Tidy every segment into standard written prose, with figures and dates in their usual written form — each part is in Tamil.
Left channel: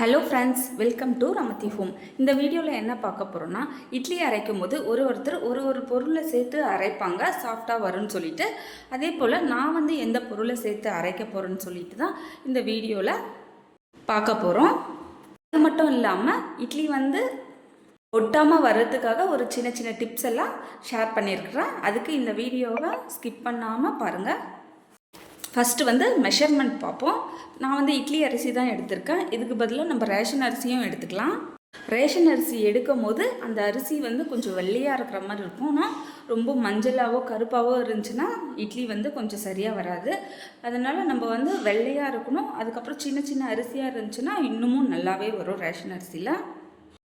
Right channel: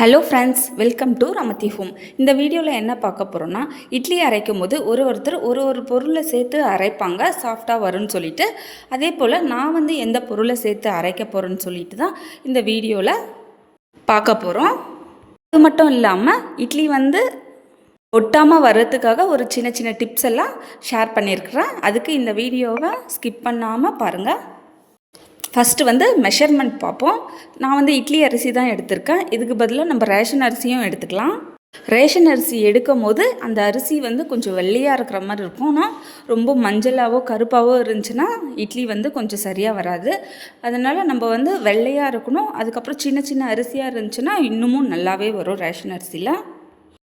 Hello friends, welcome to Ramathi home. இந்த வீடியோவில் என்ன பார்க்க போகிறோன்னா, இட்லி அரைக்கும் போது ஒருத்தர் ஒரு பொருளை சேர்த்து அரைப்பாங்க, சாஃப்டாக வரும்னு சொல்லிட்டு. அதே போல் நான் வந்து எந்த பொருளை சேர்த்து அரைக்க போகிறேன்னு சொல்லிட்டு தான் இந்த வீடியோவில் பார்க்க போகிறோம். அது மட்டும் இல்லாமல் இட்லி வந்து ஒட்டாமல் வர்றதுக்காக ஒரு சின்ன சின்ன டிப்ஸ் எல்லாம் ஷேர் பண்ணியிருக்கிறேன். அதுக்கு இந்த வீடியோவை ஸ்கிப் பண்ணாமல் பாருங்கள். ஃபஸ்ட்டு வந்து மெஷர்மெண்ட் பார்ப்போம். நான் வந்து இட்லி அரிசி தான் எடுத்திருக்கேன். இதுக்கு பதிலாக நம்ம ரேஷன் அரிசியும் எடுத்துக்கலாம். ரேஷன் அரிசி எடுக்கும் போது அந்த அரிசி வந்து கொஞ்சம் வெள்ளையாக இருக்கிற மாதிரி இருக்கும். ஆனால் ரொம்ப மஞ்சளாவோ கருப்பாவோ இருந்துச்சுன்னா இட்லி வந்து கொஞ்சம் சரியாக வராது. அதனால் நம்ம வந்து வெள்ளையாக இருக்கணும். அதுக்கப்புறம் சின்ன சின்ன அரிசியாக இருந்துச்சுன்னா இன்னமும் நல்லாவே வரும் ரேஷன் அரிசியில்.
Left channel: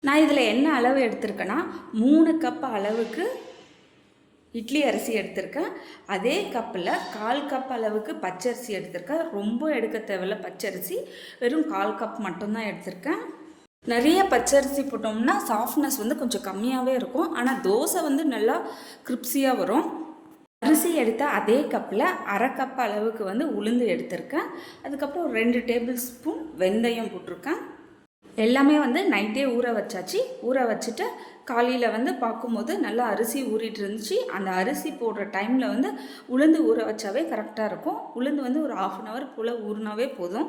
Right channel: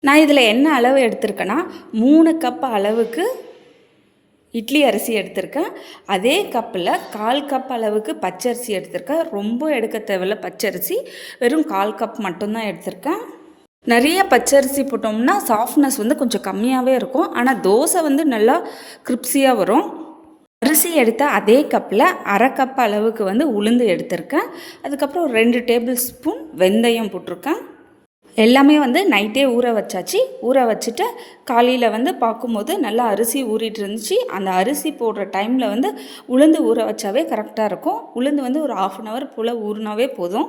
நான் இதில் என்ன அளவு எடுத்திருக்கேன்னா 3 கப் அளவுக்கு இட்லி அரிசி எடுத்திருக்கேன். அதே கப்பில் 1/4 கப் அளவுக்கு பச்சரிசி எடுத்திருக்கேன். ரொம்ப எடுக்க தேவையில்ல பச்சரிசி, வெறும் 1/4 கப் மட்டும்தான் எடுத்திருக்கேன். நிறைய பச்சரிசி போட்டோம்னா சாஃப்ட்னஸ் வந்து கொஞ்சம் கம்மியாகவே இருக்கும். ஆனால் தோசை வந்து நல்லா கிரிப்ஸியாக வரும். அரிசி எடுத்த அதே கப்பில் 1/2 கப் அளவுக்கு வந்து உளுந்து எடுத்திருக்கேன். அதுக்கப்புறம் 2 டேபிள் ஸ்பூன் வெந்தயம் போட்டிருக்கேன். எல்லாமே வந்து நைட்டே ஊற வச்சாச்சு. ஊற வச்சுட்டு காலையில் வந்து பார்க்கும்போது நல்லா அரிசி ஊறிட்டு இருந்துச்சு. அந்த அரிசி போடுற டைமில் வந்து உளுந்து ஊற வச்சாவே கரெக்டாக இருக்கும். உளுந்து வந்து ஒரு 1/2 hour போல் ஊறினாவே போதும்.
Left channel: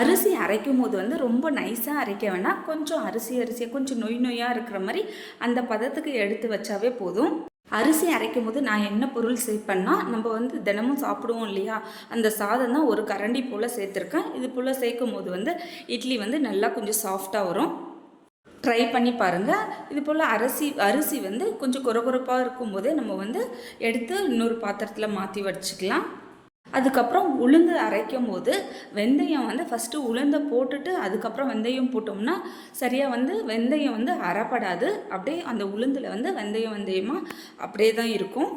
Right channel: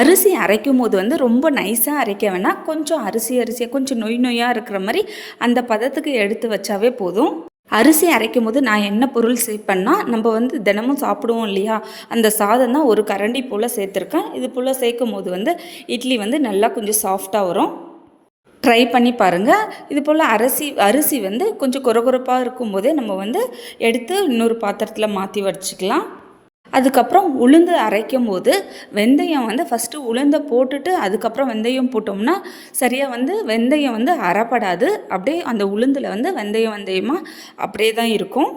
அரிசி அரைக்கும் போது வந்து ரொம்ப நைஸாக அரைக்க வேணாம். கொஞ்சம் அரிசியாக கொஞ்சம் நொய்யாக இருக்கிற மாதிரி அந்த பதத்துக்கு எடுத்து வச்சாவே போதும். அரிசி அரைக்கும் போது நான் என்ன பொருள் சேர்ப்பேன்னா, நம்ம வந்து தினமும் சாப்பிடுவோம் இல்லையா, அந்த சாதம் தான் ஒரு கரண்டி போல் சேர்த்துருக்கேன். இது போல் சேர்க்கும் போது வந்து இட்லி வந்து நல்லா கொஞ்சம் சாஃப்டாக வரும். ட்ரை பண்ணி பாருங்கள். இது போல் அரிசி வந்து கொஞ்சம் கொரகொரப்பாக இருக்கும்போதே நம்ம வந்து எடுத்து இன்னொரு பாத்திரத்தில் மாற்றி வச்சுக்கலாம். அதுக்கப்புறம் உளுந்து அரைக்கும் போது வெந்தயம் வந்து ஃபஸ்ட்டு உளுந்தை போட்டுட்டு அதுக்கப்புறம் வெந்தயம் போட்டோம்னா சரியாக வந்து வெந்தயம் வந்து அரைப்படாது. அப்படியே அந்த உளுந்தில் வந்து வெந்தயமாக அப்படியே தான் இருக்கும்.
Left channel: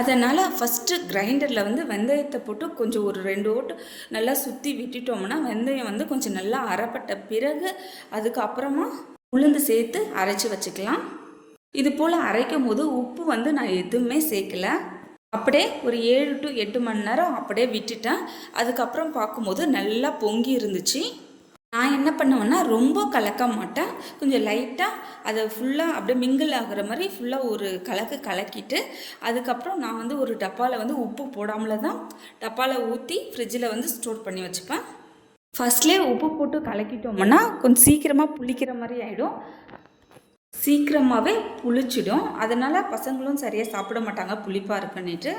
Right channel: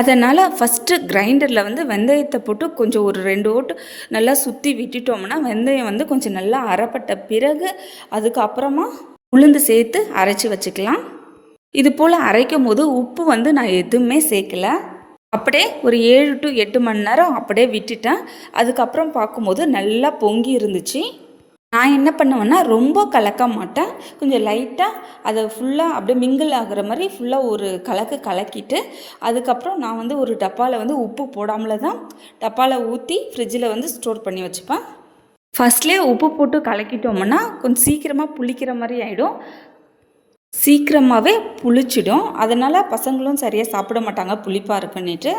அதனால் ஃபஸ்ட்டு கிரைண்டரில் வந்து வெந்தயத்தை போட்டு கொஞ்சம் ஒரு 2 ஓட்டு நல்லா சுற்றி விட்டுட்டோம்னா வெந்தயம் வந்து கொஞ்சம் நல்லா அரைப்பட்ட பிறகு அதுக்கப்புறமா உளுந்து சேர்த்து அரைச்சி வச்சுக்கலாம். இது போல் அரைக்கும் போது உப்பு வந்து நான் எதுவுமே சேர்க்கலை. அப்படியே ஒரு 7 to 8 மணி நேரம் அப்படியே விட்டுட்டேன். அதுக்கப்புறம் பார்க்கும்போது நல்லா பொங்கி இருந்துச்சு. நான் என்ன பண்ணுவேன்னா ரொம்ப கலக்க மாட்டேன். கொஞ்சம் லைட்டாக அதை ஃபுல்லாக அப்படியே மிங்கிள் ஆகிற மாதிரி ஃபுல்லாக ஒரு கலக்கிட்டு அதுக்கப்புறம் நான் வந்து ஒரு டப்பாவில் வந்து உப்பு போடாமல் தான் டப்பாவில் ஊற்றி ஃப்ரிட்ஜில் வந்து ஸ்டோர் பண்ணி வச்சுப்பேன். ஃபஸ்ட்லேயே உப்பு போட்டு கலக்கிட்டோம்னா கொஞ்சம் சீக்கிரமாக புளிக்கிற மாதிரி ஆகிடும், சீக்கிரமாகவே புளிச்சிடும். அதனால் பசங்களும் சரியாக சாப்பிட மாட்டாங்க புளிப்பாக இருக்குன்னுட்டு.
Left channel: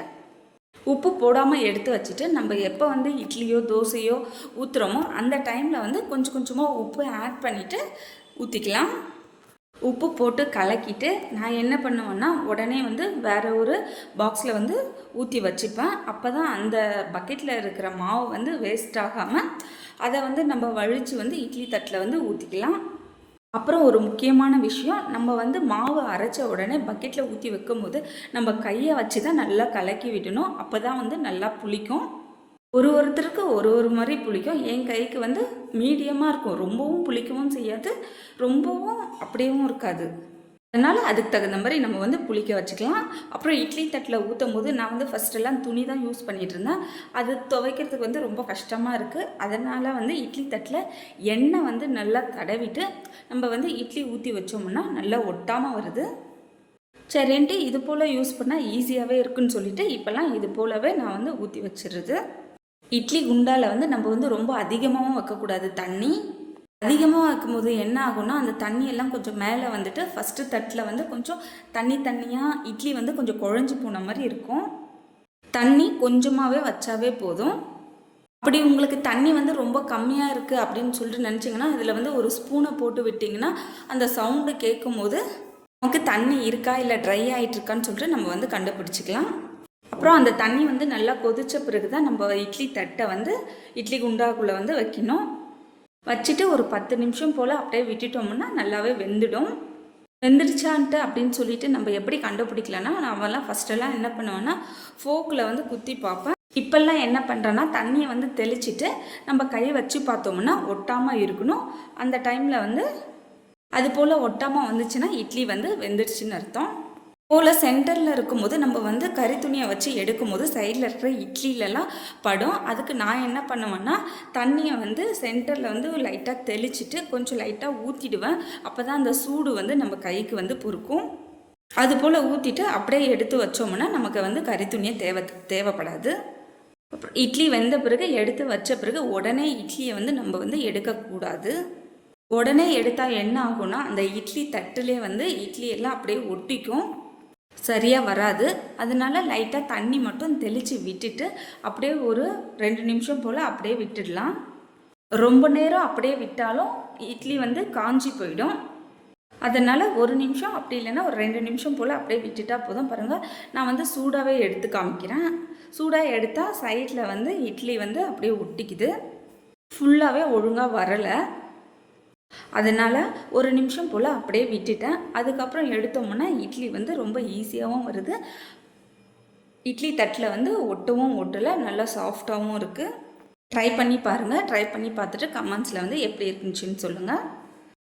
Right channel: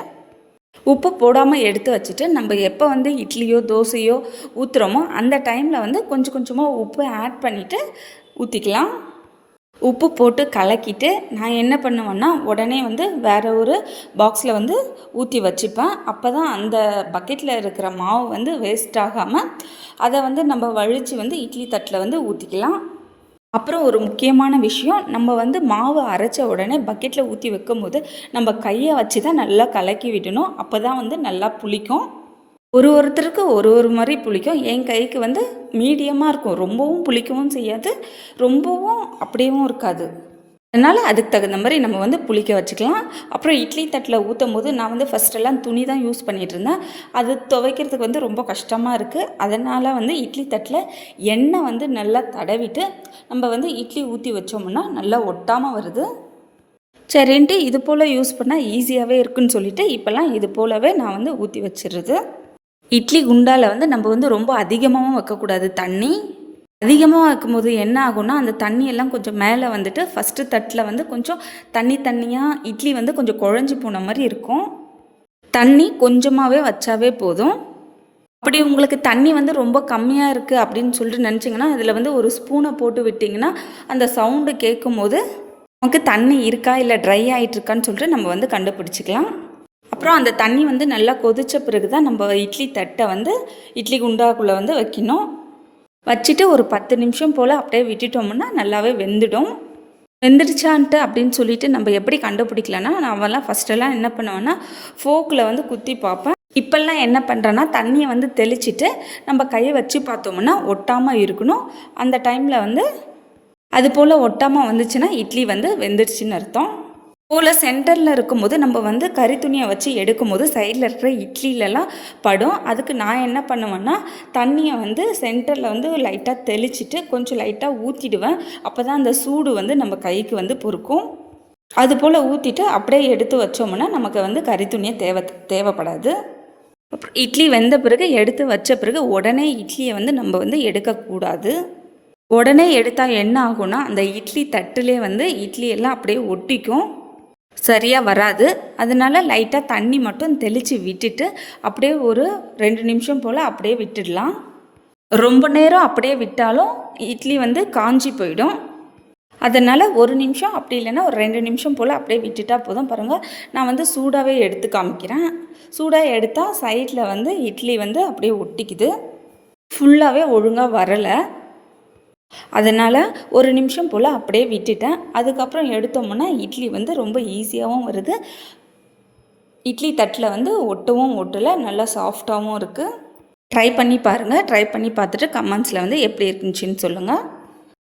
உப்பு போடாமல் எடுத்து வச்சுட்டு நம்ம எப்போ வந்து இட்லியோ தோசையோ ஊற்றுறோமோ அந்த டைமில் வந்து கொஞ்சம் கொஞ்சமாக உப்பு ஆட் பண்ணிவிட்டு ஊற்றிக்கலாம். உப்பு போட்டு கலக்கிட்டு நான் என்ன பண்ணுவேன்னா உடனே வந்து வேறு ஒரு பாக்ஸில் வந்து ஊற்றி வச்சுப்பேன். அப்போ தான் அந்த பக்கெட்டில் இருக்கிற மாவு வந்து வேஸ்ட் ஆகாமல் அதை வந்து நம்ம வழித்து வந்து இட்லி தட்டில் வந்து ஊற்றிக்கலாம். அப்புறம் ஒரு முக்கியமான விஷயம், நம்ம வந்து மாவு அரைச்ச உடனே பக்கெட்டில் ஊற்றி வைக்கும் போது நம்ம கையை வச்சு தான் நல்லா கலக்கி விடணும். அப்போ தான் வந்து நல்லா புளிக்கும். ஒருத்தருக்கு ஒரு மாதிரி புளிக்கும். என் கைக்கு வந்து மீடியமாக இருக்கும். ரொம்பவும் புளிக்கவும் செய்யாது, ரொம்பவும் அப்படியேவும் இருக்காது. அதனால் அதுக்கு தகுந்த மாதிரி நம்ம வந்து புளிக்க வச்சுக்கலாம். அப்புறம் இட்லி தட்டில் ஊற்றும் போது நான் வந்து ஃபஸ்ட்டெல்லாம் துணி தான் யூஸ் பண்ணிகிட்டு இருந்தேன். அது துவைக்கிறதுக்கு வந்து ரொம்ப கஷ்டமாக இருக்குது. அதனால் வந்து இட்லி தட்டில் எண்ணெய் வந்து நல்லா தடவிட்டு நம்ம வந்து இட்லி ஊற்றி வச்சோம்னா நல்லா ஒட்டாமல் வருது. சரின்ட்டு இது போல் யூஸ் பண்ணால் ஈஸியாகவே இருக்குன்னு சொல்லிவிட்டு இப்போல்லாம் இது போலவே நான் வந்து ஊற்றி வச்சிடுறது. இட்லி குண்டால் வந்து நம்ம வந்து ரொம்ப அதிகமாகவும் வைக்கக்கூடாது. தண்ணி அதிகமாக வைக்கும்போது என்ன ஆகும்னா அந்த தண்ணியெல்லாம் கொஞ்சம் மேலே வந்துட்டு ஃபஸ்ட்டு தட்டில் வந்து கொஞ்சம் தண்ணியாக இட்லி வந்து கொஞ்சம் குழஞ்சி போன மாதிரி இருக்கும். தண்ணி கொஞ்சமாகவே வச்சாவே போதும். அப்படி உங்களுக்கு தண்ணி வந்து ரொம்ப கம்மியாக இருக்குது அப்படின்னு சொல்லிட்டு நினச்சிங்கன்னா அதில் வந்து ஒரு ஸ்பூனை போட்டு விட்டிங்கன்னா அந்த சவுண்டு கேட்கும் போது நமக்கு தண்ணி இருக்கா இல்லை ட்ரை ஆகிட்டுருக்கான்னு சொல்லிட்டு நம்ம வந்து கண்டுபிடிச்சிக்கலாம். அப்புறம் அந்த தண்ணி வந்து நல்லா கொதித்த பிறகு தான் நம்ம இட்லி தட்டை வந்து இட்லி குண்டாக்குள்ளே வந்து வைக்கணும். வச்சுட்டு ஒரு 10 நிமிஷம் போல் அப்படியே விட்டுட்டோம்னா நல்லாவே வெந்துடும். வெந்துடுச்சான்ட்டு அப்படின்னு சொல்லிட்டு நம்ம எப்படி கண்டுபிடிக்கலன்னா, நான்லாம் ஃபஸ்ட்டெல்லாம் என்ன பண்ணுவேன்னா ஃபோக்கில் வந்து குத்தி பார்ப்பேன். இப்போல்லாம் என்ன பண்ணுறேன்னா தண்ணியை வந்து தெளிச்சிட்டு நம்ம கையை வச்சு பார்த்தோம்னா ஒட்டாமல் இருக்கணும். அந்த டைமில் வந்து அது போல் ஒட்டாமல் வந்துச்சுன்னா இட்லி வந்து வெந்துடுச்சுன்னு அர்த்தம். போல் சென்டரில் இருக்கும்போது நம்ம வந்து கறி துணியை வச்சு எடுக்கும்போது சைடில் இருக்கிற இட்லிலலாம் படும். அதுக்கு நான் என்ன பண்ணுவேன்னா, தண்ணியை வந்து சென்டரில் வந்து லைட்டாக தெளிச்சிட்டு கொஞ்சம் லைட்டாக ஊற்றிடுவேன். அப்போ தான் அந்த சூடு வந்து நம்ம கைக்கு வந்து பொறுக்கும். அதுபோல் ஊற்றிட்டு அப்படியே எடுத்து வச்சோம்னா நமக்கு வந்து கறி துணியை தேவைப்படாது. அப்புறம் இட்லி வெந்த பிறகு எடுத்து வச்ச பிறகு உடனே இட்லியை வந்து நம்ம வந்து எடுக்கக்கூடாது. உடனே எடுத்தால் என்ன ஆகும்னா, அந்த இட்லி தட்டுலே வந்து இட்லி எல்லாம் அப்படியே ஒட்டிக்கும், சரியாக வராது. அதனால லைட்டாக தண்ணி மட்டும் தெளித்து விட்டுட்டு அப்படியே ஒரு 2 நிமிஷம் போல் அப்படியே விட்டுடலாம். ரொம்ப நேரம் அப்படியே விட்டாலும் இட்லி வந்து காஞ்சி போயிடும். அதனால் 1 நிமிஷம் அப்படி இல்லைன்னா ஒரு 2 நிமிஷம் போல் அப்படியே விட்டுட்டா போதும். பாருங்கள், நான் வந்து சூடாகவே எடுத்து காமிக்கிறேன். சூடாக எடுத்தால் சைடில் வந்து இட்லி வந்து அப்படியே ஒட்டிக்குது, ஃபுல்லாகவே ஒழுங்காக வரலை. அதனால் 1 நிமிஷம் போல் அப்படியே விட்டுட்டேன். அதுக்கப்புறம் எடுத்தோம்னா இட்லி வந்து ரொம்ப ஈஸியாகவும் வருது. இட்லி தட்டில் வந்து ஒட்டவும் ஒட்டலை, நல்லா சாஃப்டாகவும் இருக்குது. ட்ரை பண்ணி பாருங்கள். ட்ரை பண்ணி பார்த்துட்டு கமெண்ட்ஸில் வந்து எப்படி இருந்துச்சுன்னு சொல்லுங்கள்.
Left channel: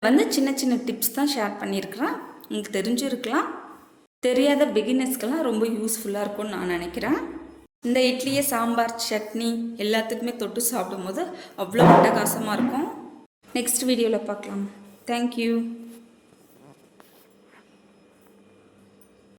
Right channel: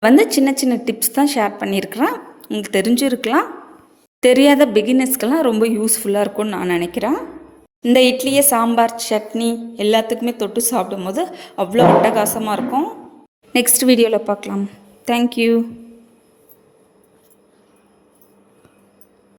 வந்து சின்ன சின்ன டிப்ஸ் தான் ஷேர் பண்ணியிருக்கிறேன். உங்களுக்கு தெரிஞ்சிருக்கலாம். தெரியாத பிகினர்ஸ்க்கெல்லாம் ரொம்ப யூஸ்ஃபுல்லாக இருக்கும்னு நான் நினைக்கிறேன். இந்த இட்லியை சாம்பார், சட்னி எல்லாத்துக்குமே தொட்டு சாப்பிடும்போது அவ்வளோ அட்டகாசமாக இருக்கும். நெக்ஸ்ட் வீடியோவில் பார்க்கலாம். தேங்க்யூ.